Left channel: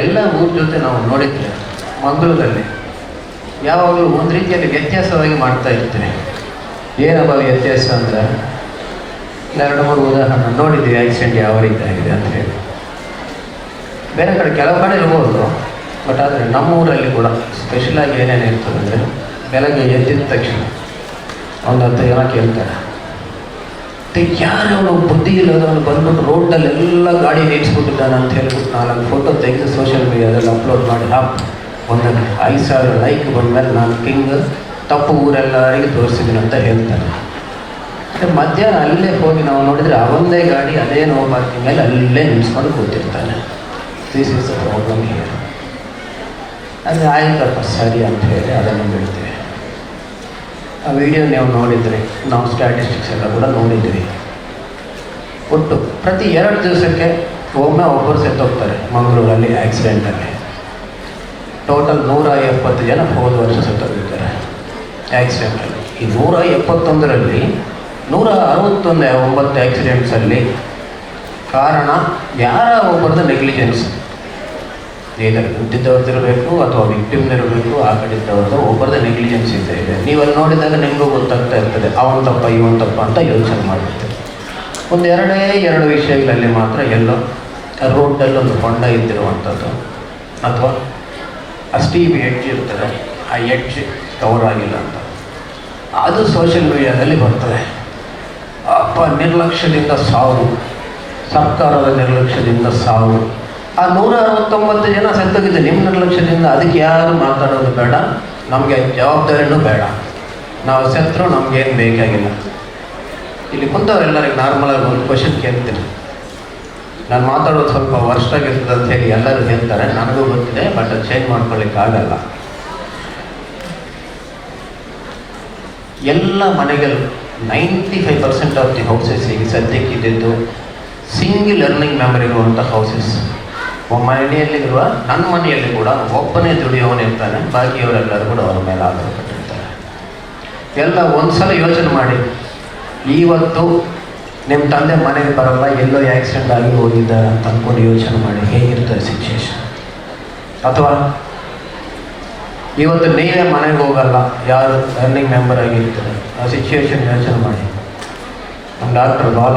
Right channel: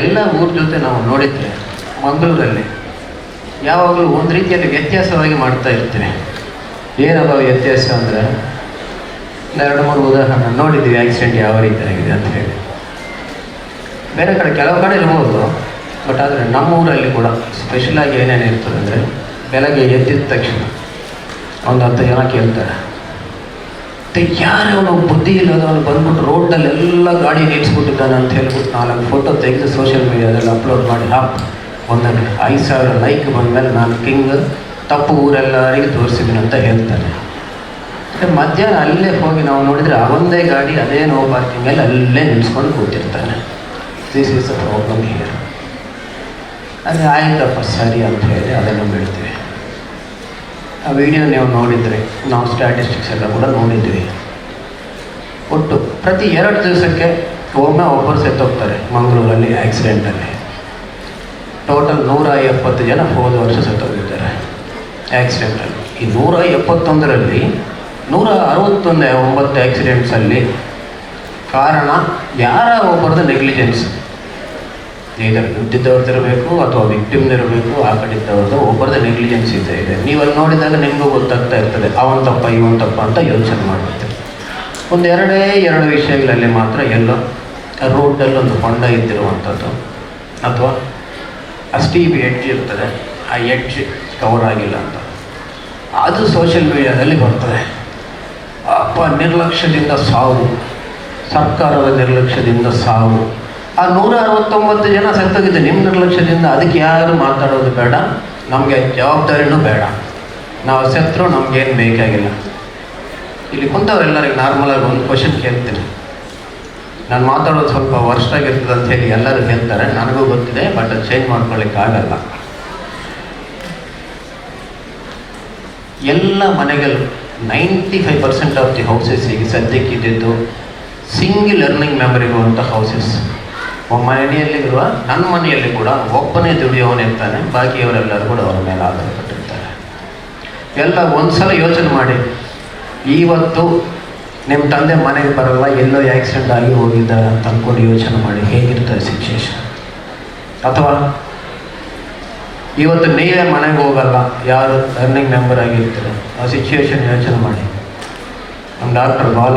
ಎಲ್ಲ ಊರ ಜೊತೆ ನಾವು ನೋಡಿದ್ರೆ ಮಂಗಳೂರಲ್ಲಿ ಯಾವಾಗಲೂ ಒಂದು ರೀತಿಯಲ್ಲಿ ವ್ಯತ್ಯಾಸವಾಗಿ ಮಾಡ್ತಾ ಇರ್ತೀವಿ. ಏನಪ್ಪ ವ್ಯತ್ಯಾಸ ಅಂದರೆ, 2-3 ಉದಾಹರಣೆ ನೋಡಿದ್ದೀವಿ ಆಕ್ಸಿಡೆಂಟ್ ಯಾವ ರೀತಿ ಆಗಿದೆ ಅಂತ ಹೇಳಿ. ಬೇರೆ ಕಡೆ ಕೆಲವು ಕಡೆ ಇರ್ಬೋದು, ಬಟ್ ಆದರೆ ನಮ್ಮೂರಲ್ಲಿ ಕೂಡ ಸ್ಪೆಷಲಾಗಿ ಏನೇನು ಇರ್ತದೆ ಅಂದರೆ, ಬೆಳಗ್ಗೆ ಎದ್ದಿದ ತಕ್ಷಣ ಒಂದು 10 ಜನ ಕೇಳ್ತಾರೆ, ಯಾರವನು ಬುದ್ಧಿ ಇಲ್ಲದವನು ಬಂದ್ಬಿಟ್ಟು ರೋಡಲ್ಲೆಲ್ಲ ಗಾಡಿ ನಿಲ್ಲಿಸ್ಬಿಟ್ಟಿದ್ದಾನೆ ಅಂತ ಹೇಳ್ಬಿಟ್ಟು 4 ಫೋಟೋ ತೆಗೆದು ಸೋಷಿಯಲ್ ಮೀಡಿಯಾದಲ್ಲಿ ಅಪ್ಲೋಡ್ ಮಾಡಿ ಒಂದಕ್ಕೆ 5,000 ಲೈಕ್ ಬಂದಮೇಲೆ ನಾನು ಕಿಂಗ್ ತಪ್ಪು ಊರೆಲ್ಲರಿಗೆ ತೋರಿಸಿದ್ದೀನಿ ಅಂತ ಹೇಳ್ತಾರೆ. ಮಧ್ಯಾಹ್ನ ಅಲ್ಲೇ ಹೋಗಿ ನಾವು ನೋಡಿದರೆ ಅವೊಂದೇ ಗಾಡಿ ಅದೇ ನೋ ಪಾರ್ಕಿಂಗ್ ಮೇಲೆ ಅಲ್ಲೇ ನಿಲ್ಸ್ಕೊಂಡು ಕೂತಿರ್ತಾನೆ. This is a problem here. ಆದರೆ ಆಯ್ತಪ್ಪ ಸರಿ ಅಂತ ಹೇಳಿ ಅದನ್ನು ಬಿಡ್ತೀವಿ. ಆ ವಿಡಿಯೋ ನೀವು ನೋಡಿದರೆ, ನಾವು ಸ್ಟ್ಯಾಟಿಸ್ಟಿಕ್ಸ್ ಎಲ್ಲ ಕೂಡ ನೋಡಿದ್ವಿ. ಒಟ್ಟು ಪ್ರತಿ 2 ದಿವಸಕ್ಕೆ ಒಮ್ಮೆ ಒಬ್ಬರು ಸತ್ತೋಗ್ತಾರೆ ಮಂಗಳೂರಲ್ಲಿ ಆಕ್ಸಿಡೆಂಟಲ್ಲಿ. ಟೋಟಲ್ 170 ಜನ ಹೋದ ವರ್ಷ ಸತ್ತೋಗಿದ್ದಾರೆ ಆಕ್ಸಿಡೆಂಟಲ್ಲಿ. ಈ 171ರಲ್ಲಿ 169 ಆಕ್ಸಿಡೆಂಟ್ಸಲ್ಲಿ ಕಾರಣ ಯಾರ ಒಬ್ಬರದ್ದು ನೆಗ್ಲಿಜೆನ್ಸ್. ಇದರ ದುಡ್ಡಿದ್ದವ್ರದ್ದಿರಬೇಕು ಅಥವಾ ವಿಕ್ಟಿಮ್ನಿರಬೇಕು, ಆ ಕಡೆ ಇದ್ದವ್ರದ್ದು ಒಬ್ಬರದ್ದು ನೆಗ್ಲಿಜೆನ್ಸ್ ಇದೆ. ನೀವಲ್ಲಿ ನೋಡಿದಾಗ ನಿಮಗೂ ಗೊತ್ತಾಗ್ತಾ ಇರ್ತದೆ ಅವನ ತಪ್ಪ ಇವನ್ ತಪ್ಪ ಅಂತ ಯೋಚನೆ ಮಾಡ್ಬಿಡ್ತೀವಿ. ಒಂದು 2 ವಿಷಯಗಳಲ್ಲಿ ಮಾತ್ರ ಎಲ್ಲೋ ರೋಡಲ್ಲಿ ಒಂದು ಹೊಂಡ ಇದ್ದಿರುವಂಥದ್ದು, ಅಥವಾ ಸ್ಟೀಪ್ ಎಡ್ಜ್ ಇರ್ತದೆ, ಆ ಎಡ್ಜ್ ಕವರ್ ಆಗಿಲ್ಲ ಅಂತ, ಅದು ಸೋಷಿಯಲ್ ಮೀಡಿಯಾದಲ್ಲಿ ಬರ್ತದೆ. ಅಪ್ಪ ನಿರ್ಲಕ್ಷ್ಯದಿಂದ ಸಾವು, ಸರ್ಕಾರದ ನಿರ್ಲಕ್ಷ್ಯದಿಂದ ಸಾವು. ಆ 169 ಜನ ಸತ್ತೋಗಿದ್ದು ನಿಮ್ಮ ನಿರ್ಲಕ್ಷ್ಯದಿಂದ. ಅದಕ್ಕೆ ಯಾರು ಮಾತಾಡೋದು ಬೇಡ, ನಮಗೆ ಜವಾಬ್ದಾರಿನೂ ಬೇಡ. ನಾವು ಸತ್ತರೂ ನಮಗೇನು ಬೇಕಾಗಿಲ್ಲ. ಇಲ್ಲಿ ಕುಂತವರೆಲ್ಲರಿಗೆ ನಾರ್ಮಲಾಗಿ ಒಂದು ಕ್ವಶನ್ ಕೇಳ್ತೀನಿ. ನಾನು ಮಾತಾಡೋದು ಸ್ವಲ್ಪ ವರ್ಷಾಗಿರ್ತದೆ ಅಂತ ಹೇಳಿ ಎಲ್ಲರೂ ಹೇಳ್ತಾರೆ, ನನಗೂ ಗೊತ್ತಿದೆ, ಬಟ್ ಅದು ಚೇಂಜ್ ಮಾಡ್ಕೊಳ್ಳಿಕ್ಕಾಗಲ್ಲ. ಎಲ್ಲ ಮನೆಗಳು 95% ಆಫ್ ದಿ ಹೌಸಸ್ ಈಗ ಸದ್ಯಕ್ಕಿದ್ದು ಸಿಂಗಲ್ ಎರ್ನಿಂಗ್ ಮೆಂಬರ್ ಇರುವಂಥ ಹೌಸಸ್. ಮನೆಯಲ್ಲಿರುವ ನನ್ನ ಮನೆಯಲ್ಲಿ ಕೂಡ ಒಬ್ಬನೇ ದುಡಿಯೋನಿರ್ತಾನೆ, ಬಾಕಿಯವರೆಲ್ಲರೂ ಕೂಡ ಅವರ ಮೇಲೆ ಆಧಾರಪಟ್ಟಿರ್ತಾರೆ. ಎಲ್ಲ ಒಂದ್ಸಲ ಯೋಚನೆ ಮಾಡಿ, ಇವತ್ತು ನಿಮ್ಮ ತಂದೆ ಮನೆಗೆ ಬರಲ್ಲ, ಎಲ್ಲೋ ಆಕ್ಸಿಡೆಂಟ್ ಆಗಿ ಹೋಗಿದ್ದಾರೆ ಅಂತ ಅಂದ್ಕೊಂಡು ಯೋಚನೆ ಮಾಡಿ ಹೇಗಿರ್ತಾರೆ ಸಿಚುವೇಶನ್. ಅಥವಾ ಇವತ್ತು ನೀವೇ ಮನೆಗೆ ಹೋಗಲ್ಲ, ಯಾರು ಅರ್ನಿಂಗ್ ಮೆಂಬರ್ ಆಗಿರ್ತಾರೆ, ಆ ಸಿಚುವೇಶನ್ ಯೋಚನೆ ಮಾಡಿ. ನಮ್ಮ ಡಾಕ್ಟರ್ ಭಾಳ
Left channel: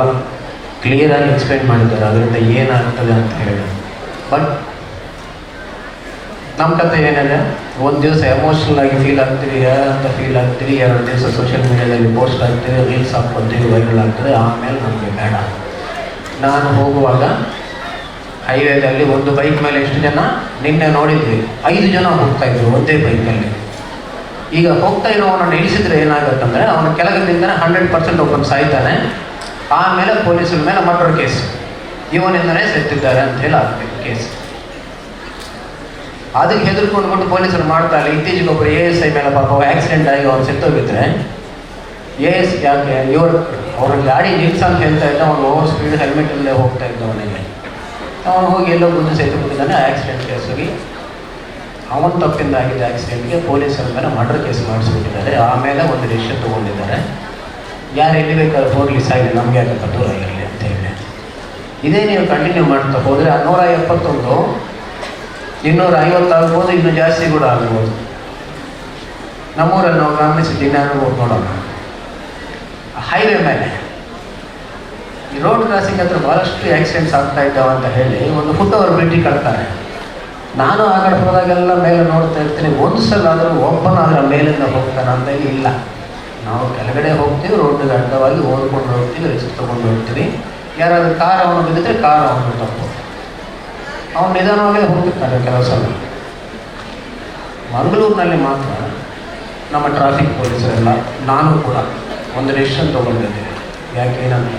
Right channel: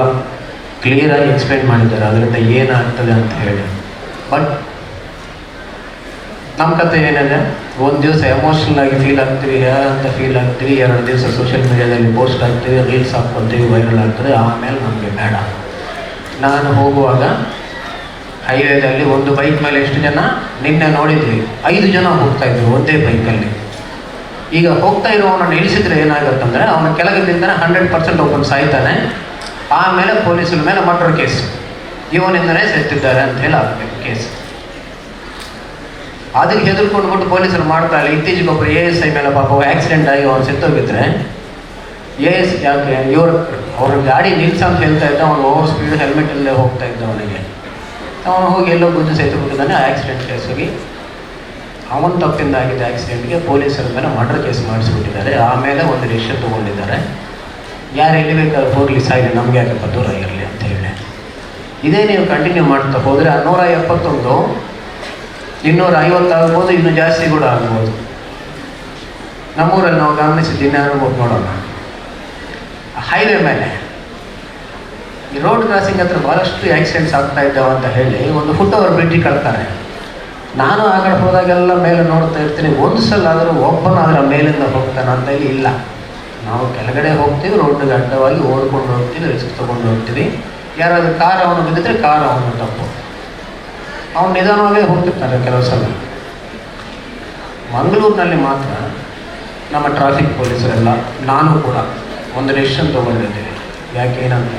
ಕ್ಲಿಯರಾಗಿ ಎಕ್ಸ್ಪ್ಲೇನ್ ಮಾಡಿದ್ದಾರೆ ಅದರಿಂದ ಏನಾಗ್ತದೆ ಅಂತ ಹೇಳಿ. ಬಟ್ ನಮ್ಮ ಕತೆ ಏನಿದೆ, ಒಂದು ದಿವಸ ಎಮೋಷ್ನಲ್ ಆಗಿ ಫೀಲ್ ಆಗ್ತೀವಿ, ಅಂತ ಫೀಲ್ ಆಗ್ತೀವಿ, 2 ದಿವಸ ಸೋಷಿಯಲ್ ಮೀಡಿಯಾದಲ್ಲಿ ಪೋಸ್ಟ್ ಆಗ್ತೀವಿ, ರೀಲ್ಸ್ ಹಾಕ್ಕೊಳ್ತೀವಿ, ವೈರಲ್ ಆಗ್ತದೆ, ಆಮೇಲೆ ನಮಗೆ ಬೇಡ. ನಾನು ಹೋಗುವಾಗ ಹೈವೇದಲ್ಲಿ ಒಂದು ಬೈಕ್ ಮೇಲೆ ಎಷ್ಟು ಜನ ನಿನ್ನೆ ನೋಡಿದ್ವಿ, 5 ಜನ ಹೋಗ್ತಾಯಿದ್ರು ಒಂದೇ ಬೈಕಲ್ಲಿ. ಈಗ ಹೋಗ್ತಾ ಇರೋವನ್ನ ಇಳಿಸಿದ್ರೆ ಏನಾಗುತ್ತಂದರೆ, ಅವನ ಕೆಳಗಿಂದನೇ 100% ಒಬ್ಬನು ಸಾಯ್ತಾನೆ. ಆಮೇಲೆ ಪೊಲೀಸರ ಮೇಲೆ ಮರ್ಡರ್ ಕೇಸ್, ಇವನಿಂದನೇ ಸತ್ತಿದ್ದಾರೆ ಅಂತ ಹೇಳಿ ಆಗಬೇಕು ಕೇಸ್. ಅದಕ್ಕೆ ಹೆದರ್ಕೊಂಡ್ಬಿಟ್ಟು ಪೊಲೀಸರು ಮಾಡ್ತಾರೆ. ಇತ್ತೀಚೆಗೆ ಒಬ್ಬರು ASI ಮೇಲೆ ಪಾಪ ಆಕ್ಸಿಡೆಂಟ್ ಆಗಿ ಅವ್ನು ಸತ್ತೋಗಿದ್ರೆ, AS ಯಾಕೆ ಅವ್ರ ಗಾಡಿ ನಿಲ್ಸ ಅಂತ ಹೇಳ್ತಾ ಇದ್ದ, ಅವನು ಓವರ್ ಸ್ಪೀಡ್ ಹೆಲ್ಮೆಟ್ ಇಲ್ಲದೆ ಹೋಗ್ತಾ ಇದ್ದ. ಅವನು ಹೋಗಿ ಎಲ್ಲೋ ಗುದ್ದು ಸಹಿತಬಿಟ್ಟಿದ್ದಾನೆ. ಆಕ್ಸಿಡೆಂಟ್ ಕೇಸ್ ಹೋಗಿ ಅವನ ತಪ್ಪಿಂದ ಆಗಿದ್ದ ಆಕ್ಸಿಡೆಂಟ್ಗೆ ಪೊಲೀಸರ ಮೇಲೆ ಮರ್ಡರ್ ಕೇಸ್ ಮಾಡಿಸ್ಬಿಟ್ಟಿದ್ದಾರೆ. ಆಮೇಲೆ ಒಂದು ಡಿಸಿಷನ್ ತೊಗೊಂಡಿದ್ದಾರೆ, ಯಾರು ಎಲ್ಲಿ ಬೇಕಾದ್ರೂ ಹೋಗಲಿ, ಸಾಯಿಲಿ, ನಮಗೆ ಯಾಕಪ್ಪ ದೂರ ಇರಲಿ ಅಂತ ಹೇಳಿ. ಇದೇ ನೀವು ಕಂಟಿನ್ಯೂ ಮಾಡ್ತಾ ಹೋದರೆ 171 250 ಆಗ್ಬೋದು, ಇನ್ನೂ ಜಾಸ್ತಿ ಕೂಡ ಆಗ್ಬೋದು. ನಮ್ಮೂರಲ್ಲಿ ನಾವು ಗಮನಿಸಿದ್ದೀನಿ, ಅನುಭವ ನೋಡೋಣ. ಹೈವೇ ಮೇಲೆ ಈ ರೋಡ್ ಕ್ರಾಸಿಂಗ್ ಹತ್ರ ಭಾಳಷ್ಟು ಆಕ್ಸಿಡೆಂಟ್ಸ್ ಆಗ್ತಾ ಇದ್ದಾವೆ ಅಂತ ಹೇಳಿ ಒಂದು ಫುಟ್ ಓವರ್ ಬ್ರಿಡ್ಜ್ ಕಟ್ತಾರೆ. ನಾನು ಆ ಕಡೆ ಹೋದಾಗೆಲ್ಲ ಮೇಲೆ ನೋಡ್ತಾ ಇರ್ತೀನಿ, ಒಂದು ಸಲ ಆದರೂ ಒಬ್ಬನಾದ್ರ ಮೇಲಿಂದ ಹೋಗ್ತಾನೆ ಅಂತ ಇಲ್ಲ. ನಾವು ಕೆಳಗಡೆ ಹೋಗ್ತೀವಿ, ರೋಡ್ಗೆ ಅಡ್ಡವಾಗಿ ಓದ್ಕೊಂಡು ಹೋಗ್ತೀವಿ, ರಿಸ್ಕ್ ತೊಗೊಂಡು ಹೋಗ್ತೀವಿ. ಯಾರಾದರೂ ಕಾರ್ ಅವನು ಬಿದ್ದಿದ್ರೆ ಕಾರ್ ಅವನು ತಪ್ಪು, ಅವನು ನಿಧಾನವಾಗೇ ಹೋಗ್ತಿರ್ತಾನೆ ಕೆಲವು ಸಲ. ಮಂಗಳೂರಿನಲ್ಲಿ ಮಾತ್ರ ನಮ್ಮ ಟ್ರಾಫಿಕ್ ಪೊಲೀಸರೆಲ್ಲ, ನಾನು ಕೂಡ ಒಂದು ಡಿಸಿಷನ್ ತೊಗೊಂಡಿದ್ದೀವಿ. ಯಾಕೆ ಏನಂತ,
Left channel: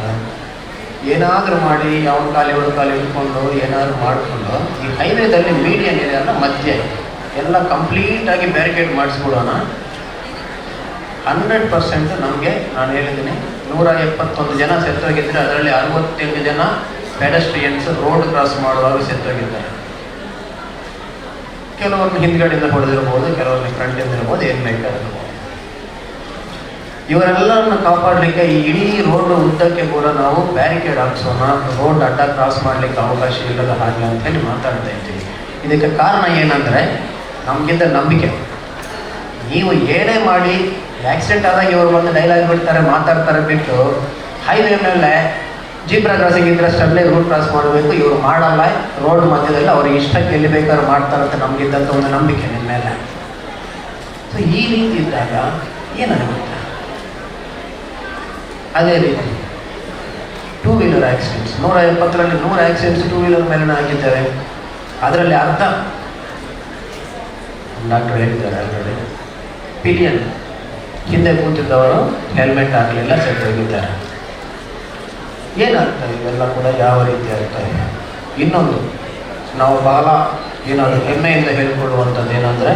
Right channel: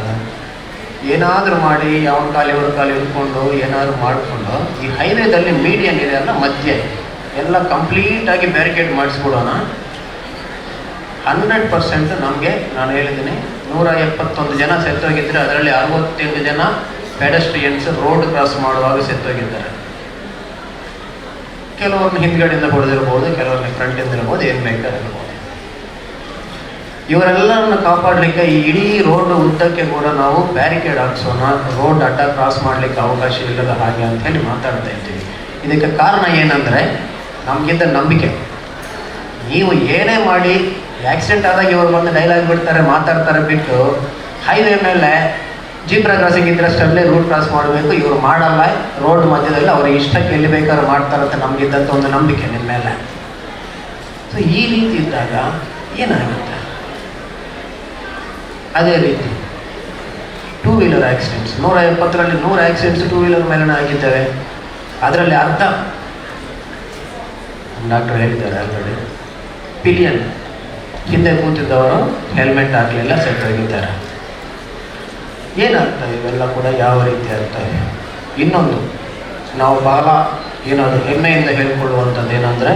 ಏನಾದರೂ ಮಾಡಿ ಅವನ ಕಾಲಿ ಹಿಡ್ಕೊಂಡು ಏನಾದರೂ ಮಾಡಿಕೊಂಡು ಈ ಹೈವೇದಲ್ಲಿ ಮೀಡಿಯನ್ ಇದೆ ಅಲ್ಲ, ಮಧ್ಯೆ ಎಲ್ಲ ಕಂಪ್ಲೀಟಾಗಿ ಬ್ಯಾರಿಕೇಡ್ ಮಾಡಿಸ್ಬಿಡೋಣ. 100% ನಮಗೆ, ನಾನು ಹೇಳಿದ್ದೀನಿ, 171 ಜನ ಸತ್ತೋಗಿದ್ದರೆ ಅದರಲ್ಲಿ 68 ಜನ ಪೆಡೆಸ್ಟ್ರಿಯನ್ಸ್ ರೋಡ್ ಕ್ರಾಸ್ ಮಾಡುವಾಗ ಸತ್ತೋಗಿದ್ದಾರೆ. ಕೆಲವ್ರನ್ನ ಹಿಂದ್ಗಡೆಯಿಂದ ಹೊಡೆದಿರ್ಬೋದು, ಕೆಲವ್ರನ್ನ ಫ್ರಂಟಿಂದ ಇರ್ಬೋದು, ಏನು ಬೇಕಾಗಿರ್ಬೋದು. ಇವರೆಲ್ಲರನ್ನು ಕಾಪಾಡಲಿಕ್ಕೆ ಈ ಇಡೀ ರೋಡ್ ಉದ್ದಕ್ಕೆ ಕೂಡ ನಾವು ಬ್ಯಾರಿಕೇಡ್ ಹಾಕ್ಸೋಣ, ರೋಡ್ ಅಡ್ಡ ಕ್ರಾಸ್ ಮಾಡಲಿಕ್ಕೆ ಅವಕಾಶ ಇಲ್ಲದ ಹಾಗೆ ಅಂತ ಹೇಳಿ ಮಾತಾಡ್ತಾ ಇದ್ದೀವಿ. ಇದಕ್ಕೆ ಕಾರಣ ಏನಂದರೆ ನಮಗಿಂತ ನಂಬಿಕೆ. ನೀವು ಏನೇ ಮಾಡಿ ಆಕ್ಸಿಡೆಂಟ್ ಆದಾಗ ಇವರು ಬಂದು ಡೈಲಾಗ್ ಬಿಡ್ತಾರೆ, ಮಾತಾಡ್ತಾರೆ ಬಿಟ್ಟು ಹೈವೇ ಮೇಲೆ ಜೀಬ್ರಾ ಕ್ರಾಸಿಂಗ್ ಇದ್ರಷ್ಟಲ್ಲೇ ರೂಟ್ ಕ್ರಾಸ್ ಮಾಡಬೇಕು, ಇವರು ಮಾಡಲ್ಲ, ರೋಡ್ ಮಧ್ಯದಲ್ಲಿ ಅವ್ರ ಇಷ್ಟಕ್ಕೆ ಎಲ್ಲಿ ಬೇಕಾದ್ರೂ ಮಾಡ್ತಾರಂತ ನಮಗಿದ್ದಂಥ ಒಂದು ನಂಬಿಕೆ ನಿಮ್ಮ ಮೇಲೆ. ಸೊ ಈ ರೀತಿ ಇದ್ದಾಗ ಏನಾಗುತ್ತೆ? ಅದೇ ರೀತಿ ಟೂ ವೀಲರ್ ಆಕ್ಸಿಡೆಂಟ್ಸ್ 170ರಲ್ಲಿ 100 ಆಕ್ಸಿಡೆಂಟ್ಸ್ ಟೂ ವೀಲರ್ ಮೇಲೆ ಆಗಿದ್ದಾರೆ. ಅದರಲ್ಲಿ ಅರ್ಧ ಡಾಕ್ಟರ್ ಹೇಳಿದ್ದಾರೆ ಆಲ್ರೆಡಿ, ಪಿಲಿಯನ್ ಹಿಂದೆ ಕೂತಿದ್ದವರು ಹೆಲ್ಮೆಟ್ ಹಾಕಲಿಲ್ಲ, ಸೆಟ್ಟೋಗಿದ್ದಾರೆ. ಏನಾಗ್ತದೆ ಇವೆಲ್ಲ ಕೂಡ ಯಾವ ರೀತಿ ಆಗ್ತವೆ? ಇನ್ನೊಂದು ನಾವು ಬಹಳ ಏನಾದರೂ ಹೆಮ್ಮೆಯಿಂದ ಹೇಳ್ಕೊಳ್ಳುವಂಥದ್ದು ಏನಂದರೆ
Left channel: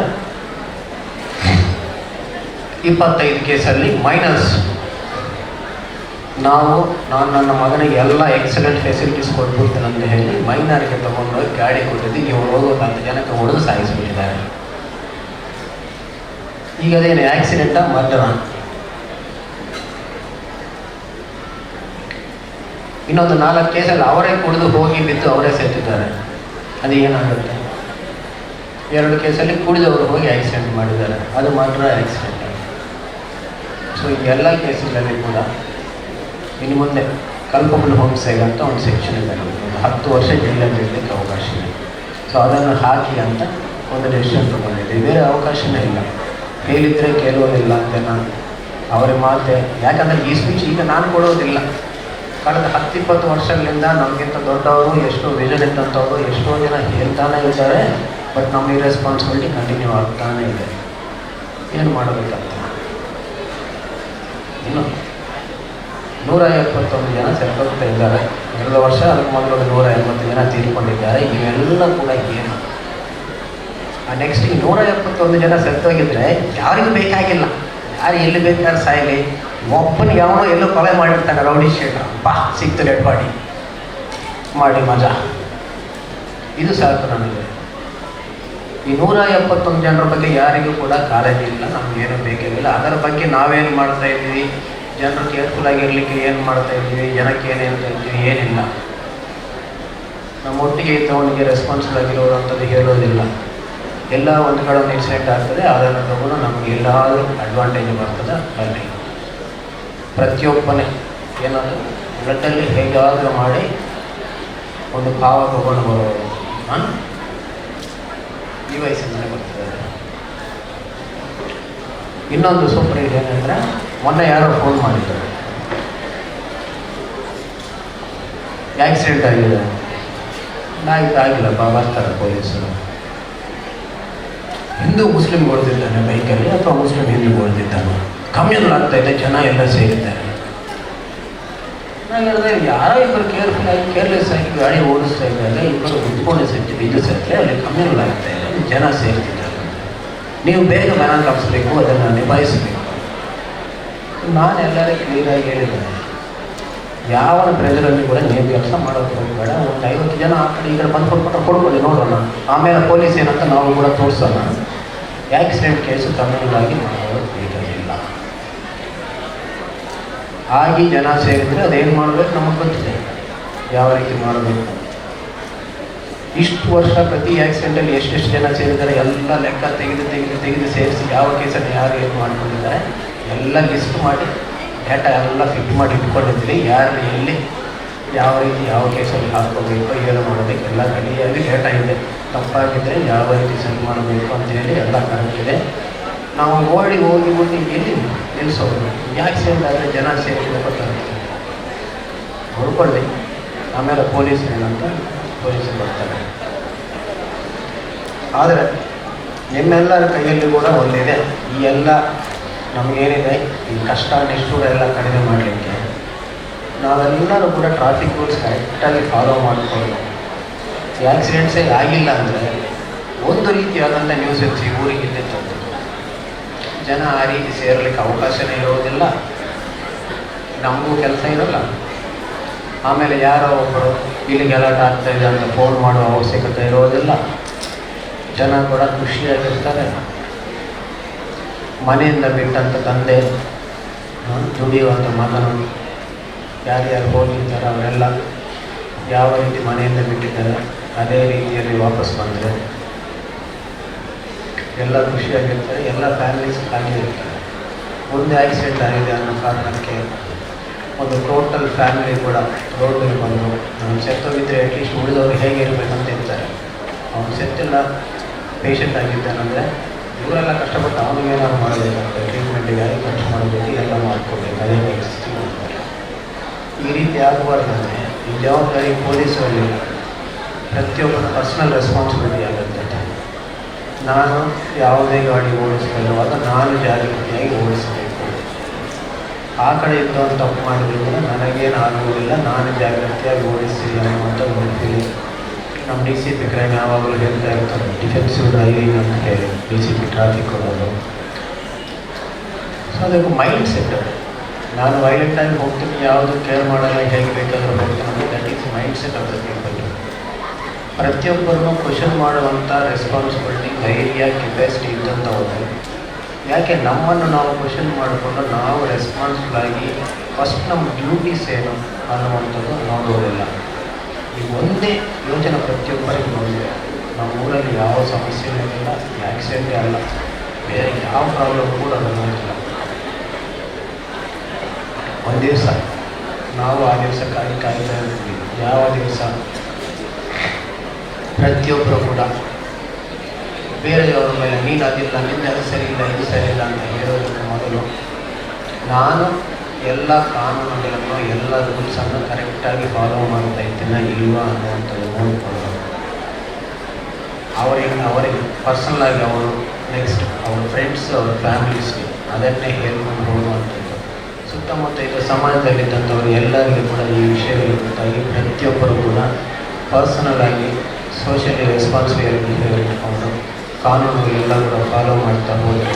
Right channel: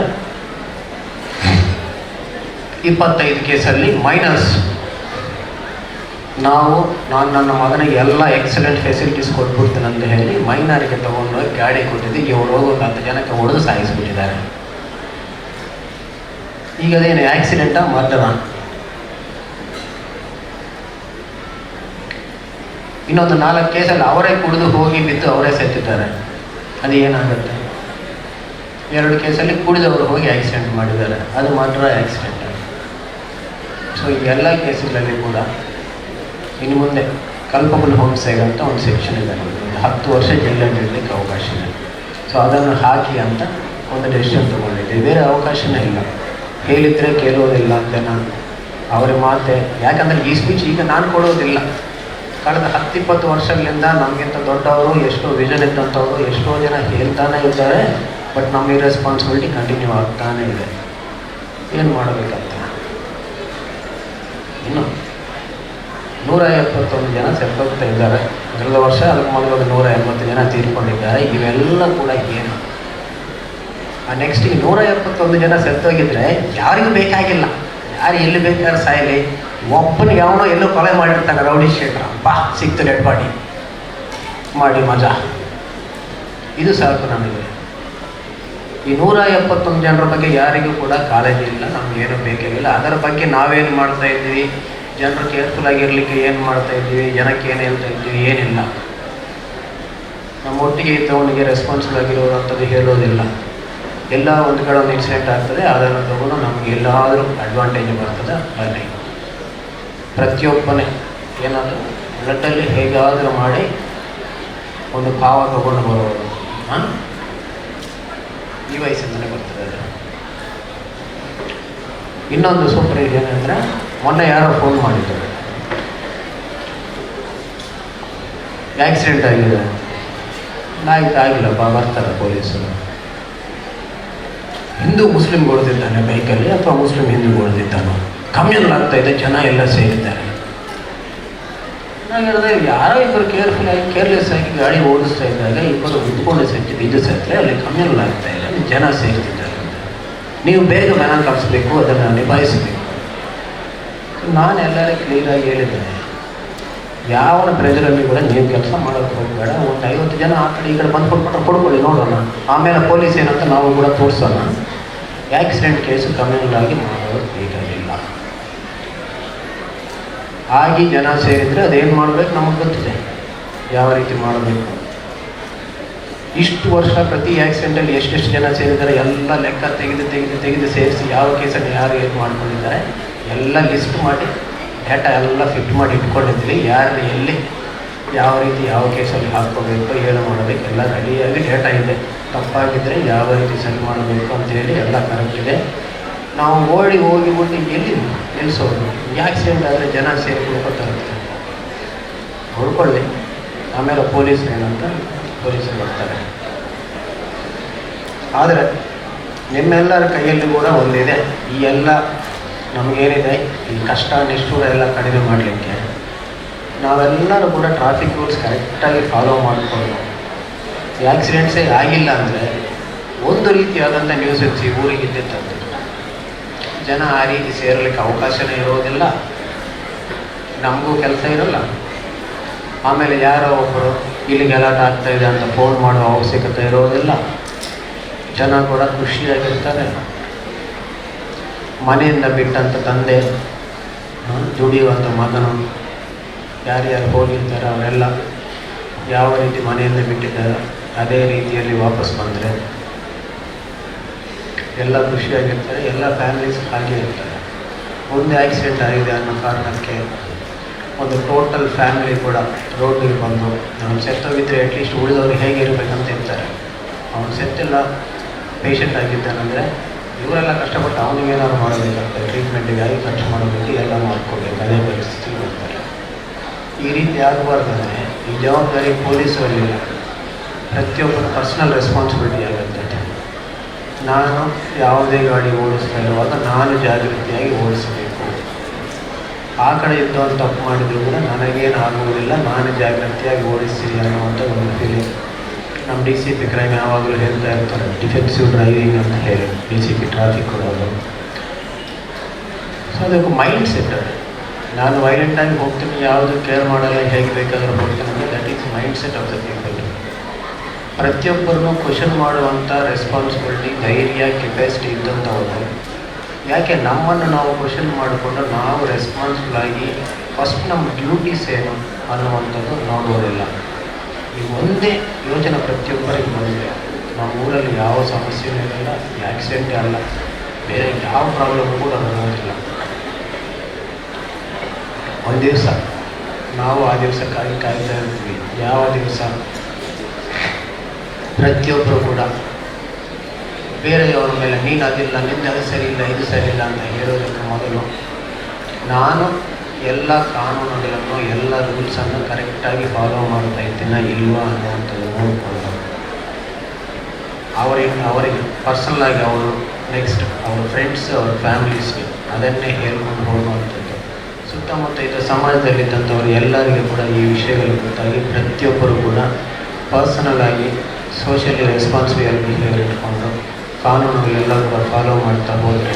25 ಕೇಸಲ್ಲಿ ಮೈನಸ್. ನಾನು ನನ್ನ ಮಗನಿಗೆ ಎಲ್ಲ ಎಕ್ಸಲೆಂಟ್ ಫೆಸಿಲಿಟೀಸ್ ಕೊಟ್ಬಿಡ್ತೇನೆ ಅಂತ ಹೇಳಿ ಮೈನರ್ಗೆ ತೊಗೊಂಡೋಗಿ ಗಾಡಿ ಕೊಟ್ಟಿದ್ದು ಇವರು ಹೋಗೋ 10 ಜನಕ್ಕೆ ಹೊಡೆದು ಸಾಯಿಸಿಬಿಟ್ಟಿದ್ದಾರೆ. ಈಗ ಅದೇನು ಆಕ್ಸಿಡೆಂಟಾ ಮರ್ಡರ? ಇನ್ನೊಂದು 4 ಕೇಸಲ್ಲಿ ಅವರೇ ಕುಡಿದು ಹೋಗಿ ಬಿದ್ದು ಅವರೇ ಸತ್ತಿದ್ದಾರೆ. ಅದು ಏನಾಗುತ್ತೆ? 2 ಕೇಸಲ್ಲಿ ಕುಡಿದವರು ಹೋಗಿ ಆಕ್ಸಿಡೆಂಟ್ ಮಾಡಿದ್ದಾರೆ, ಅದು ಮರ್ಡರ ಆಕ್ಸಿಡೆಂಟ್. ಸೊ ಈ ಎಲ್ಲ ಕೇಸುಗಳಲ್ಲಿ ಕೂಡ ಇನ್ನು ಮುಂದೆ ಕಲ್ಪಬಲ್ ಹೋಮ್ಸ್ಟೇಗ್ ಅಂತ ಒಂದು ಸೆಕ್ಷನ್ ಇದೆ, ಒಂದು 10 ವರ್ಷ ಜೈಲಲ್ಲಿ ಇರಲಿಕ್ಕೆ ಅವಕಾಶ ಇದೆ. ಸೊ ಅದನ್ನು ಹಾಕಿ ಅಂತ ಒಂದು ಡೆಸಿಷನ್ ತೊಗೊಂಡಿದ್ದೀವಿ. ಬೇರೆ ಅವಕಾಶನೇ ಇಲ್ಲ, ಹೇಳಿದರೆ ಕೇಳೋದಿಲ್ಲ ಅಂತ ನಾನು ಅವ್ರಿಗೆ ಮಾತೆ. ಯಾಕಂದರೆ ಈ ಸ್ಪೀಚ್ ಈಗ ನಾನು ಕೊಡೋದಿಲ್ಲ, ಕಳೆದ 10-20 ವರ್ಷಗಳಿಂದ ನಮಗಿಂತ ದೊಡ್ಡವರು, ಎಷ್ಟೋ ವಿಷನ್ ಇದ್ದಂಥವ್ರು ಎಷ್ಟೋ ಜನ ಹೇಳ್ತಾನೆ ಇದ್ದಾರೆ. ಬಟ್ ನಮ್ಮ ರೆಸ್ಪಾನ್ಸಿಬಿಲಿಟಿ ಕಂಟಿನ್ಯೂ ಆಗ್ತಾನೇ ಇದೆ. ಏನು ಮಾಡಬೇಕಂತ ಇನ್ನು 171 ಜನ ಸೆಟ್ಟೋಗ್ತಾ ಇದ್ದಾರೆ. ಕಳೆದ ವರ್ಷ ಅದಕ್ಕೆ ಮೊದಲು 180 ಜನ ತೀರ್ಕೊಂಡಿದ್ದಾರೆ. ಇವೆಲ್ಲ ಕೂಡ ಏನು? ನೆಕ್ಸ್ಟ್ ಈ 171 ಜನ ಸೆಟ್ಟೋಗಿದ್ರೆ ಯಾರಿಗೂ ಬೇಕಾಗಿಲ್ಲ, ಯಾರು ಎಲ್ಲಿ ಬೇಕಾದ್ರೆ ಸಾಯಲಿ, ಒಬ್ಬನಿಗೆ ಯಾವನೋ ಎಲ್ಲೋ ಕೊಲೆ ಮಾಡಿರ್ತಾನೆ ರೌಡಿ ಶೀಟರ್, ಬಾ ಸಿಕ್ತು ಡೆಡ್ ಬಾಡಿ ಮಾಡಿ ಮಜಾ, ಇದು ಸಾಕು ನಮಗೆ. ಈ 171 ಜನರ ಬಗ್ಗೆ ಯಾರಿಗೂ ಕೂಡ ಕಾಳಜಿ ಇಲ್ಲ, ನಮಗೇನು ಬೇಕಾಗಿಲ್ಲ. ಅದರ ಬಗ್ಗೆ ನಾವೇನು ಮಾಡ್ತಾ ಇದ್ದೀವಿ, ಜನರು ಕೇರ್ಫುಲ್ ಆಗಿರಲಿಕ್ಕೆ ಏನು ಮಾಡ್ತಾ ಇದ್ದೀವಿ, ಜನಕ್ಕೆ ಏನು ಹೇಳ್ತಾ ಇದ್ದೀವಿ, ಏನಿಲ್ಲ. ನಮ್ಮ ಒಟ್ಟಿಗೆ ಇದ್ದವನಿಗೆ ರೆಸ್ಪಾನ್ಸಿಬಲ್ ಆಗಿರೋವಂಥದ್ದು ಹೇಳೋದಿಲ್ಲ. ಎಲ್ಲ ಒಂದು ಕಡೆ ಒಂದು ಇನ್ಸಿಡೆಂಟ್ ಆಗ್ತದೆ, ಅದನ್ನು ತಗೊಂಡು ನಮಗೆ ಎಲ್ಲಾದರೂ ಅಡ್ವಾಂಟೇಜ್ ಬರ್ತದೆ. ಅಲ್ಲಿ ಪ್ರತಿಯೊಬ್ಬನೇ ಏನಾದರೂ ಬ್ಲಡ್ಡಲ್ಲಿ ಹೇಗಾದರೂ ಮಾಡಿ ಒಂದು ಭಾವ ತಗೊಂಡು ಬರೋದು ಈ ವಯಸ್ಸಿಂದಲೇ ಬರ್ತದೆ. ಇನ್ನೊಂದು ಸೂಪರ್ ಏನಂದರೆ, ಮೊನ್ನೆ ಯಾರೋ ಫೋನ್ ಮಾಡಿದ್ದಾರೆ, ಆಕ್ಸಿಡೆಂಟ್ ಆಗಿದೆ. ಆಗಿಲ್ಲಪ್ಪ, ಬರ್ತಾರೆ ಪೊಲೀಸರು. ಹಿಂದೂ ಮುಸ್ಲಿಂ ಹೊಡೆದಿದ್ದಾನೆ ಬೈಕಲ್ಲಿ, ಅಥವಾ ಮುಸ್ಲಿಂ ಹಿಂದೂ ಹೊಡೆದಿದ್ದಾನೆ, ಕಮ್ಯುನಲ್ ಆಗ್ತಾ ಇದೆ, ಜನ ಎಲ್ಲ ಸೇರಿದ್ದಾರೆ. ನಾನು ಹೇಳಿದೆ, ಯಾರೋ ಇಬ್ಬರು ಕೇರ್ಲೆಸ್ ಆಗಿ ಗಾಡಿ ಓಡಿಸ್ತಾ ಇದ್ದಾಗ ಇಬ್ಬರು ಉದ್ಕೊಂಡು ಸೆಟ್ಟು ಬಿದ್ದು ಸತ್ತರೆ ಅಲ್ಲಿ ಕಮ್ಯುನಲ್ ಆಗ್ತಾ ಇದೆ, ಜನ ಸೇರ್ತಿದ್ದಾರೆ. ನೀವು ಬೇಗ ಮನ ಕಳಿಸ್ಬೇಕು, ಅದನ್ನು ನಿಭಾಯಿಸಬೇಕು. ನಾನು ಎಲ್ಲರೂ ಕ್ಲಿಯರಾಗಿ ಹೇಳಿದ್ದೇನೆ, ಯಾವ ಪ್ರೆಜರಲ್ಲಿ ಕೂಡ ನೀವು ಕೆಲಸ ಮಾಡೋಕ್ಕೆ ಹೋಗಬೇಡ. ಒಂದು 50 ಜನ ಆ ಕಡೆ ಈ ಕಡೆ ಬಂದು ಕೊಡ್ಕೊಳ್ಳಿ, ನೋಡೋಣ, ಆಮೇಲೆ ಪೊಲೀಸ್ ಏನಂತ ನಾವು ಕೂಡ ತೋರಿಸೋಣ. ಆಕ್ಸಿಡೆಂಟ್ ಕೇಸು ಕಮ್ಯುನಲ್ ಆಗಿ ಮಾಡೋದು ಬೇಕಾಗಿಲ್ಲ. ಆಗಿ ಜನ ಸೇರಿದರೆ ಅದೇನು ಮಾಡಬೇಕು ನಮಗೆ ಗೊತ್ತಿದೆ, ಯಾವ ರೀತಿ ಮಾಡಬೇಕು. ಇಷ್ಟು ವರ್ಷ ಪ್ರತಿ ಆಕ್ಸಿಡೆಂಟಲ್ಲಿ ಎಷ್ಟೆಷ್ಟು ಜನ ಸೇರಿದ್ದಾರೆ ಎಲ್ಲ ಲೆಕ್ಕ ತೆಗೆದು ಸೇರಿಸಿ ಯಾವ ಕೇಸಲ್ಲಿ ಯಾರು ಏನು ಮಾಡ್ಕೊಂಡಿದ್ದಾರೆ ಎಲ್ಲ ಲಿಸ್ಟ್ ಮಾಡಿ ಡೇಟಾ ಎಲ್ಲ ಫಿಟ್ ಮಾಡಿ ಇಟ್ಕೊಂಡಿದ್ವಿ. ಯಾರು ಎಲ್ಲಿ ಯಾವ ರೀತಿ ಯಾವ ಕೇಸಲ್ಲಿ ಹಾಕ್ಕೋಬೇಕು, ಏನು ಮಾಡಬೇಕು ಎಲ್ಲ ರೆಡಿಯಾಗಿ ಡೇಟಾ ಇದೆ. ತಪ್ಪಾಗಿದ್ದರೆ ಯಾವ ರೀತಿ ಸರಿ ಮಾಡಬೇಕು ಅಂತೇಳಿ ಎಲ್ಲ ಕರೆಕ್ಟ್ ಇದೆ. ನಾವು ಓಡಿ ಹೋಗಿ ಎಲ್ಲಿ ನಿಲ್ಲಿಸೋದು? ಆಕ್ಸಿಡೆಂಟ್ ಆದರೆ ಜನ ಸೇರಿಕೊಂಡು ಗೊತ್ತಾಗುತ್ತೆ, ನೋಡ್ಕೊಳ್ಳಿ. ಆಮೇಲೆ ಪೊಲೀಸ್ ಏನಂತ ಪೊಲೀಸರು ಬರ್ತಾರೆ. ಆದರೆ ನಿಮ್ಮೆಲ್ಲರ ಕೈಯಲ್ಲಿ ಕೂಡ ಒಂದಿದೆ, ಈ ಎಲ್ಲ ನಮಗೇನಿದೆ ಈ ಕಷ್ಟ ನಿಷ್ಠೂರ ಎಲ್ಲ ಕಡಿಮೆ ಮಾಡಲಿಕ್ಕೆ ನಾವೆಲ್ಲರೂ ಕೂಡ ಟ್ರಾಫಿಕ್ ರೂಲ್ಸ್ ಕರೆಕ್ಟಾಗಿ ಫಾಲೋ ಮಾಡಿಕೊಂಡು ಆಕ್ಸಿಡೆಂಟ್ಸೇ ಆಗಿಲ್ಲ ಅಂದರೆ ಒಂದು ರೀತಿಯಾದಂಥ ನ್ಯೂಸ್ ಹೆಚ್ಚಿ ಊರಿಗೆ ಇದ್ದಿತ್ತಂತೆ. ಜನ ಆ ರೀತಿ ಸೇರಲಿಕ್ಕೆ ಅವಕಾಶನೇ ಇರೋದಿಲ್ಲ, ನಮಗೂ ಕೆಲಸ ಇರೋಲ್ಲ. ಆಮೇಲೆ ಯಾರೋ ಒಬ್ಬರು ಇಲ್ಲಿ ಗಲಾಟೆ ಆಗ್ತಾಯಿದೆ ಅಂತ ಫೋನ್ ಮಾಡೋ ಅವಶ್ಯಕತೆ ಇರೋದಿಲ್ಲ. ಜನ ಕೂಡ ಖುಷಿಯಾಗಿರ್ತಾರೆ. ಮನೆಯಿಂದ ಬಿಟ್ಟಂಥ ತಂದೆ, ದುಡಿಯುವಂಥ ಮಗನು, ಯಾರ್ಯಾರು ಹೋಗಿರ್ತಾರೆ ಅವರೆಲ್ಲ ಯಾವ ರೀತಿ ಮನೆಯಿಂದ ಬಿಟ್ಟಿದ್ದಾರೆ ಅದೇ ರೀತಿಯಲ್ಲಿ ವಾಪಸ್ ಬಂದರೆ ಎಲ್ಲ ಖುಷಿಯಾಗಿರ್ತಾರೆ, ಎಲ್ಲ ಫ್ಯಾಮಿಲೀಸ್ ಖಾಲಿ ಇರ್ತಾರೆ. ಒಂದು ಆಕ್ಸಿಡೆಂಟ್ ಆಗಿದೆ ಅನ್ನೋ ಕಾರಣಕ್ಕೆ ಒಂದು ಟೋಟಲ್ ಫ್ಯಾಮಿಲಿ ಕೂಡ ರೋಡಿಗೆ ಬಂದು ನಾನು ಸೆತ್ತೋಗಿದ್ದರೆ ಅಟ್ಲೀಸ್ಟ್ ಉಳಿದವ್ರು ಹೇಗಿರಬೇಕಂತ ಇರ್ತಾರೆ. ಅವನು ಸೆತ್ತೆಲ್ಲ ಪೇಷಂಟ್ ಆಗಿದ್ದಾನಂದರೆ ಇವರೆಲ್ಲ ಕಷ್ಟಪಟ್ಟು ಅವನಿಗೇನಾದ್ರು ಮಾಡಬೇಕಾಗ್ತದೆ, ಟ್ರೀಟ್ಮೆಂಟಿಗಾಗಿ ಖರ್ಚು ಮಾಡಬೇಕು, ಎಲ್ಲ ಮಾಡ್ಕೋಬೇಕು, ಅದೇ ಪರಿಸ್ಥಿತಿ ಮಾಡ್ತಾರೆ. ಈ ರೀತಿ ಆಗಬಾರ್ದಂದರೆ ಈ ಜವಾಬ್ದಾರಿ ಪೊಲೀಸರಲ್ಲಿ ಪ್ರತಿಯೊಬ್ಬರ ಪರ್ಸ್ನಲ್ ರೆಸ್ಪಾನ್ಸಿಬಿಲಿಟಿ ಆಗುತ್ತೆ. ನಾನು ಯಾವುದೇ ಗಾಡಿ ಓಡಿಸ್ತಾ ಇರುವಾಗ ನಾನು ಜಾಗೃತಿಯಾಗಿ ಓಡಿಸಬೇಕು. ಆ ಕಡೆ ಇದ್ದವನು ತಪ್ಪು ಮಾಡಿದ್ರು ಕೂಡ ನನಗೇನು ಆಗುವುದಿಲ್ಲ, ನಾನು ಜಾಗೃತಿಯಾಗಿ ಓಡಿಸ್ತೀನಿ ಅನ್ನುವಂಥ ಒಂದು ಫೀಲಿಂಗ್. ನಮ್ಮ ಡಿ ಸಿ ಪಿ ಕ್ರೈಮ್ ಯಾವಾಗಲೂ ಹೇಳ್ತಾ ಇರ್ತಾರೆ, ಡಿಫೆನ್ಸಿವ್ ಡ್ರೈವಿಂಗ್ ಅಂತ ಹೇಳಿ ಡಿ ಸಿ ಪಿ ಟ್ರಾಫಿಕ್ ಕೊಡೋದು. ಸೊ ಅದಕ್ಕೆ ಮೈಂಡ್ ಸೆಟ್ ಅದು. ನಾನು ವೈಲೆಂಟಾಗಿ ಹೋಗ್ತೀನಿ, ಯಾವುದು ಕೇರ್ ಮಾಡಲ್ಲ, ಹೇಗೆ ಬೇಕಾದರೂ ಹೋಗ್ತೀನಿ ಅಂದರೆ that is mind set of the people. ಪ್ರತಿಯೊಬ್ಬರನ್ನು ಕ್ವಶನ್ ಮಾಡುವಂಥ ರೆಸ್ಪಾನ್ಸಿಬಿಲಿಟಿ, ಧೈರ್ಯ, ಕೆಪಾಸಿಟಿ ಇದ್ದಂಥವ್ರು. ಯಾಕೆ ನಮ್ಮನ್ನು ನಾವು ಕ್ವಶನ್ ಮಾಡಿಕೊಂಡು ನಾವು ರೆಸ್ಪಾನ್ಸಿಬಲ್ ಆಗಿ ಫಸ್ಟ್ ನಮ್ಮ ಡ್ಯೂಟೀಸ್ ಏನು ಅನ್ನುವಂಥದ್ದು ನೋಡೋದಿಲ್ಲ. ಈ ಒಂದೇ ಯೋಚನೆ ಪ್ರತಿಯೊಬ್ಬರಿಗೆ ನೋಡಿದೆ. ನಮ್ಮ ಊರಲ್ಲಿ ಯಾವ ಸಮಸ್ಯೆನೂ ಇಲ್ಲ, ಆಕ್ಸಿಡೆಂಟೇ ಅಲ್ಲ, ಬೇರೆ ಯಾವ ಪ್ರಾಬ್ಲಮ್ ಕೂಡ ನೋಡಿಲ್ಲ. ಒಂದು ದಿವಸ ನಾವು ಆ ದಿವಸಕ್ಕಾಗಿ ಕಾಯ್ತಾ ಇರ್ತೀವಿ. ಯಾವ ದಿವಸ ಪ್ರತಿಯೊಬ್ಬರು ಕೂಡ ಬೇರೆಯವ್ರ ಮೇಲೆ ನೀನು ಅದಿಲ್ಲ, ನಿನ್ನ ಅದು ಸರಿ ಇಲ್ಲ, ಇದು ಸರಿ ಇಲ್ಲ ಅಂತ ಹೇಳೋದಕ್ಕೆ ಮೊದಲು ನಾನು ಎಲ್ಲ ಕಾನೂನುಗಳನ್ನು, ಎಲ್ಲ ರೂಲ್ಸನ್ನು ಕರೆಕ್ಟಾಗಿ ಫಾಲೋ ಮಾಡ್ತಾ ಇದ್ದೀನ ಇಲ್ವಾ ಅನ್ನುವಂಥದ್ದು ನೋಡಿಕೊಳ್ಳೋದು. ಅವರಿಗೆ ಪರ್ಸನಲಾಗಿ ಅವರು ನೆಕ್ಸ್ಟ್ ಅವ್ರ ಫ್ರೆಂಡ್ಸ್, ಅವ್ರ ಫ್ಯಾಮಿಲೀಸ್ಗೆ ಅದನ್ನೇ ಹೇಳ್ಕೊಂಡು ಹೋಗುವಂಥದ್ದು. ಸುತ್ತಮುತ್ತ ಇದು ಸಮಾಜದಲ್ಲಿದ್ದಂಥವ್ರು ಎಲ್ಲರಿಗೂ ಕೂಡ ಈ ವಿಷಯಗಳು ಗೊತ್ತಾಗಿ ಪ್ರತಿಯೊಬ್ಬರು ಕೂಡ ಪರ್ಸನಲ್ ಆಗಿ ಸೋಷಿಯಲಿ ರೆಸ್ಪಾನ್ಸಿಬಲ್ ಬಿಹೇವಿಯರ್ ಇಟ್ಕೊಂಡು ಕಾನೂನುಗಳೆಲ್ಲ ಕೂಡ ಫಾಲೋ ಮಾಡ್ತಾ ಹೋದರೆ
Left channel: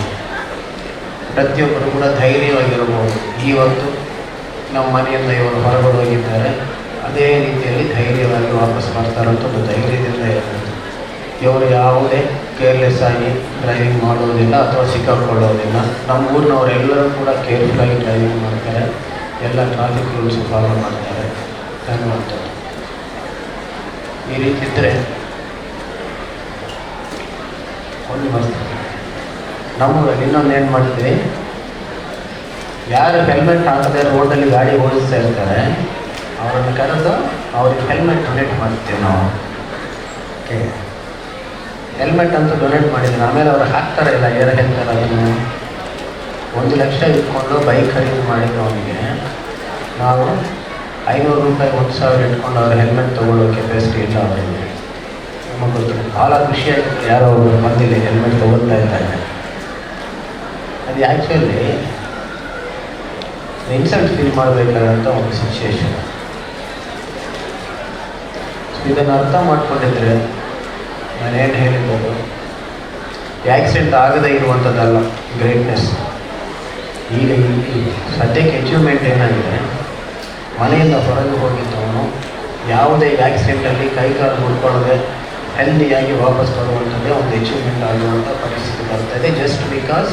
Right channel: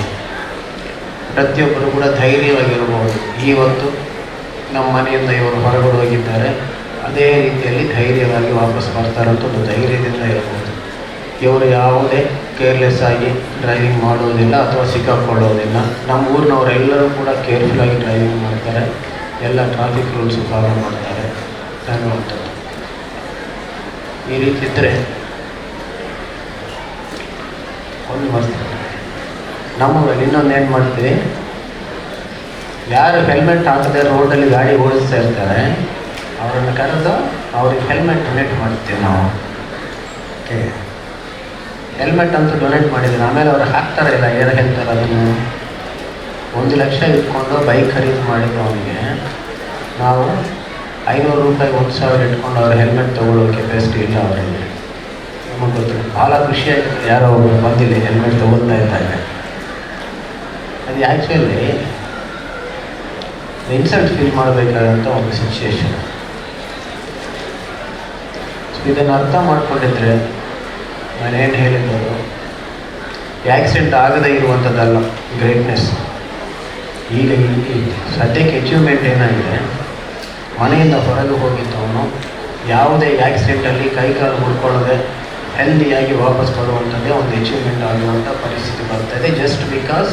ಪ್ರತಿಯೊಬ್ಬರು ಕೂಡ ಧೈರ್ಯವಾಗಿರಬಹುದು. ಇವತ್ತು ನಮ್ಮ ಮನೆಯಿಂದ ಇವರು ಹೊರಗಡೆ ಹೋಗಿದ್ದಾರೆ, ಅದೇ ರೀತಿಯಲ್ಲಿ ಧೈರ್ಯವಾಗಿ ವಾಪಸ್ ಬರ್ತಾರಂತ ಒಂದು ಧೈರ್ಯದಿಂದ ಇರಬಹುದು. ಇವರು ಯಾವುದೇ ಕೇರ್ಲೆಸ್ ಆಗಿ ಡ್ರೈವಿಂಗ್ ಮಾಡೋದಿಲ್ಲ ಅಥವಾ ಸಿಕ್ಕಾಕೊಳ್ಳೋದಿಲ್ಲ. ನಮ್ಮ ಊರಿನವರೆಲ್ಲರೂ ಕೂಡ ಕೇರ್ಫುಲ್ಲಾಗಿ ಡ್ರೈವಿಂಗ್ ಮಾಡ್ತಾರೆ, ಎಲ್ಲ ಟ್ರಾಫಿಕ್ ರೂಲ್ಸ್ ಫಾಲೋ ಮಾಡ್ತಾರೆ ಅನ್ನುವಂಥದ್ದು. ಈ ರೀತಿ ಇದ್ದರೆ ಒಂದು ಮಸ್ತ್. ನಮ್ಮೂರಲ್ಲಿ ಇನ್ನೊಂದು ಏನು ಮಾಡ್ತೀವಿ, ಯಾರು ಹೆಲ್ಮೆಟ್ ಹಾಕದೆ ರೋಡಲ್ಲಿ ಗಾಡಿ ಓಡಿಸ್ತಾ ಇರ್ತಾರೆ ಅವರನ್ನು ಕರೆದು ಅವ್ರಿಗೆ ಹೆಲ್ಮೆಟ್ ಡೊನೇಟ್ ಮಾಡ್ತೀವಿ ನಾವು. ಓಕೆ, ಹೆಲ್ಮೆಟ್ ಅಂತೂ ಡೊನೇಟ್ ಮಾಡಿದ್ರು. ಆಮೇಲೆ ಅವ್ರು ಹಾಕ್ತಾರೆ ಇಲ್ಲ, ಏನು ಹೇಳ್ತಾರೆ ಅದನ್ನು 1 ಲಕ್ಷ ಇಟ್ಕೊಂಡು ಬೈಕ್ ಖರೀದಿ ಮಾಡಿದ್ದು ಅವನಿಗೆ ನಾವು 500 ರೂಪಾಯಿ 1,000 ಇಟ್ಕೊಂಡು ಅವ್ರ ಹೆಲ್ಮೆಟ್ ತೊಗೊಳ್ಳೋ ಕೆಪಾಸಿಟಿ ಇಲ್ಲ ಅವರಿಗೆ. ನಮಗೆ ಗೊತ್ತು, ಭಾಳ ಖುಷಿಯಾಗಿತ್ತು. ಯಾರೋ ಒಬ್ಬರು ಬಂದಿಲ್ಲ ಹೆಲ್ಮೆಟ್ ತೊಗೊಳ್ತಾ ಇದ್ದಾರೆ. ಅದು ಆ್ಯಕ್ಚುಲಿ ಇನ್ಸಲ್ಟ್ ಫೀಲ್ ಮಾಡಬೇಕಾದಂಥ ಒಂದು ಸಿಚುಯೇಷನ್. ಸೊ ಇದನ್ನು ಅರ್ಥ ಮಾಡ್ಕೊಂಡಿದ್ರೆ ನಾನೇನು ಹೇಳಿದ್ದು, ಆ್ಯಕ್ಸಿಡೆಂಟ್ ಆಗದೇ ಇರುವಂಥದ್ದಲ್ಲ ಗ್ರೇಟ್ನೆಸ್. ಈಗ ಇಲ್ಲಿ ಸದ್ಯಕ್ಕೆ ಅಚೀವ್ಮೆಂಟ್ ಏನಾಗಿದೆ, ಮನೆಯಿಂದ ಹೊರಗೆ ಹೋಗಿದ್ದವನು ಯಾವುದೇ ಆ್ಯಕ್ಸಿಡೆಂಟಲ್ಲಿ ಕೈಕಾಲು ಮುಡ್ಕೊಳ್ಳದೆ ಹೆಲ್ದಿಯಾಗಿ ವಾಪಸ್ ಬರುವಂಥದ್ದೇ ಒಂದು ಅಚೀವ್ಮೆಂಟ್ ಆಗುವಂಥ ಪರಿಸ್ಥಿತಿ ಬರ್ತದೆ. Just because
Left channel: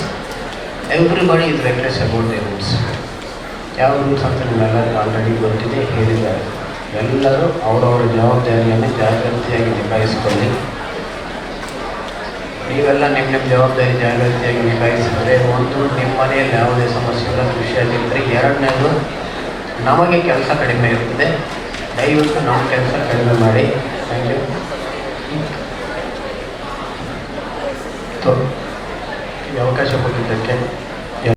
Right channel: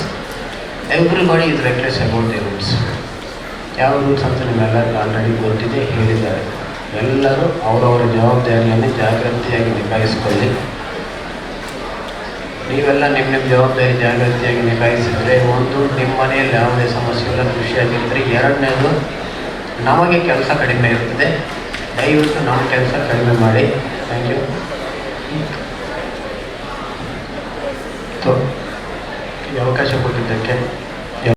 everybody is reckless about the rules. ಯಾವ ರೂಲ್ಸ್ ಅಂತ ನಿಮ್ಮೆಲ್ಲರಿಗೂ ಆಲ್ರೆಡಿ ಗೊತ್ತಿದೆ, ಹೇಳಿದ್ದಾರೆ. ಎಲ್ಲರೂ ಅವರವರ ಜವಾಬ್ದಾರಿಯನ್ನು ಜಾಗೃತಿಯಾಗಿ ನಿಭಾಯಿಸಿಕೊಳ್ಳಿ. ನೀವೆಲ್ಲ ನಿಮ್ಮ ಜವಾಬ್ದಾರಿ ಜಾಗೃತಿಯಾಗಿ ನಿಭಾಯಿಸಿದರೆ, ಒಂದು ನಿಮ್ಮ ಮನೆಯಲ್ಲಿ ಯಾವುದೇ ಸಮಸ್ಯೆ ಇಲ್ಲ, ಖುಷಿಯಾಗಿದ್ದರೆ. ಎರಡನೇದು, ನಮಗೆ ಕೆಲಸ ಕಡಿಮೆ ಇರ್ತದೆ. ದಯವಿಟ್ಟು ನಮ್ಮ ಕೆಲಸ ಕಡಿಮೆ ಮಾಡಿ. Thank you. ಈ ಅವಕಾಶ ಕೊಟ್ಟಿದ್ದಕ್ಕೆ